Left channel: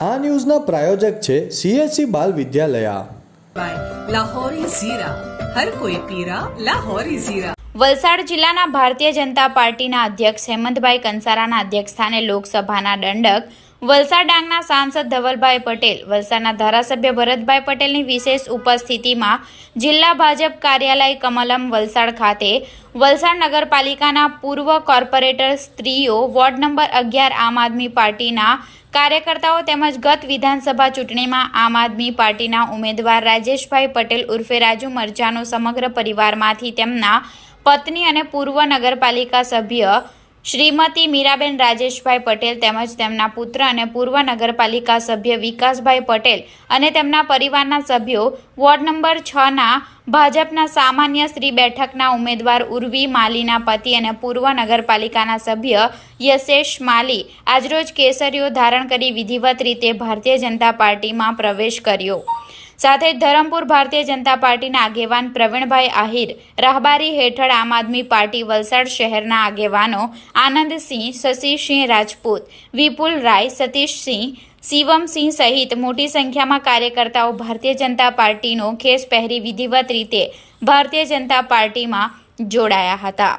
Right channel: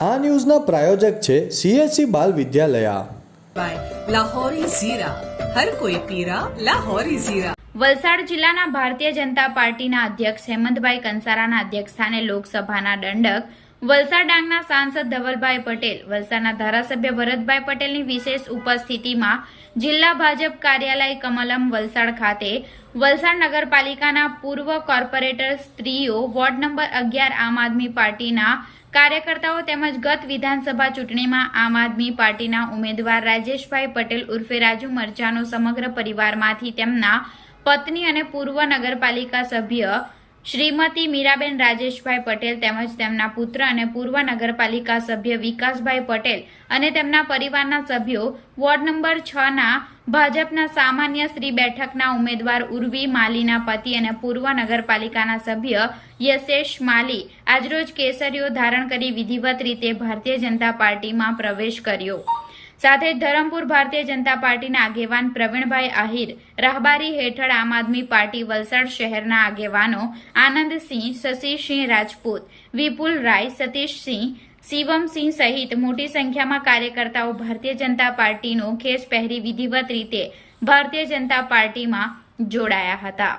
આ ન્યૂઝના પ્રાયોજક છે CSC બાલ વિદ્યાલયા. લાહોરી ઝીરા, હર કોઈ પીરા લાહોરી ઝીરા. વલસાડ જિલ્લાના ભારતીય જનતા પાર્ટીના અધ્યક્ષ હેમંતભાઈ કંસારાના અધ્યક્ષસ્થાને લોકસભાના દંડક વલસાડ ડાંગના સાંસદ ધવલભાઈ પટેલ, વલસાડના ધારાસભ્ય ભરતભાઈ પટેલની વિશેષ ઉપસ્થિતિમાં જિલ્લા ભાજપ કાર્યાલય કમલમ વલસાડ ખાતે વલસાડ નગરપાલિકાના પૂર્વ કોર્પોરેટર સ્ત્રીઓ, વોર્ડ નંબર 11 આમ આદમી પાર્ટીના કાર્યકર્તાઓ તેમજ ગત વિધાનસભા ચૂંટણીમાં આમ આદમી પાર્ટીના ઉમેદવાર રાજેશભાઈ પટેલ ઉર્ફે રાજુ મરચાનો સમગ્ર પરિવારમાંથી તેમના પત્ની અને પૂર્વ નગરપાલિકા સભ્ય શ્રીમતી મીરાબેન રાજેશભાઈ પટેલ તેમજ તેમના પુત્ર અને પૂર્વ નગરપાલિકા સભ્ય વિકાસભાઈ પટેલ અને તેમના પરિવારના સભ્યો વોર્ડ નંબર 6ના ભાજપના સામાન્ય શ્રી બેઠકના ઉમેદવાર ઉર્વી માલીના પતિ અને પૂર્વ નગરપાલિકાના સભ્ય યશેશ માલી આજરોજ કેસરીઓ ધારણ કરી વિધિવત રીતે ભારતીય જનતા પાર્ટીમાં પ્રવેશ કર્યો. સાથે જ ધરમપુર ભારતીય જનતા પાર્ટીના આગેવાન પ્રવીણભાઈ આહિર, રાહબારી હેઠળ આમ આદમી પાર્ટી વલસાડ શહેરના આગેવાનો આનંદસિંહ, શશિસિંહ રાજપૂત, વિપુલ રાય, સતીશસિંહ, શિવમસિંહ સહિત મોટી સંખ્યામાં કાર્યકર્તાઓ ભારતીય જનતા પાર્ટીનો ખેસ પહેરી વિધિવત રીતે ભારતીય જનતા પાર્ટીમાં જોડાયા હતા.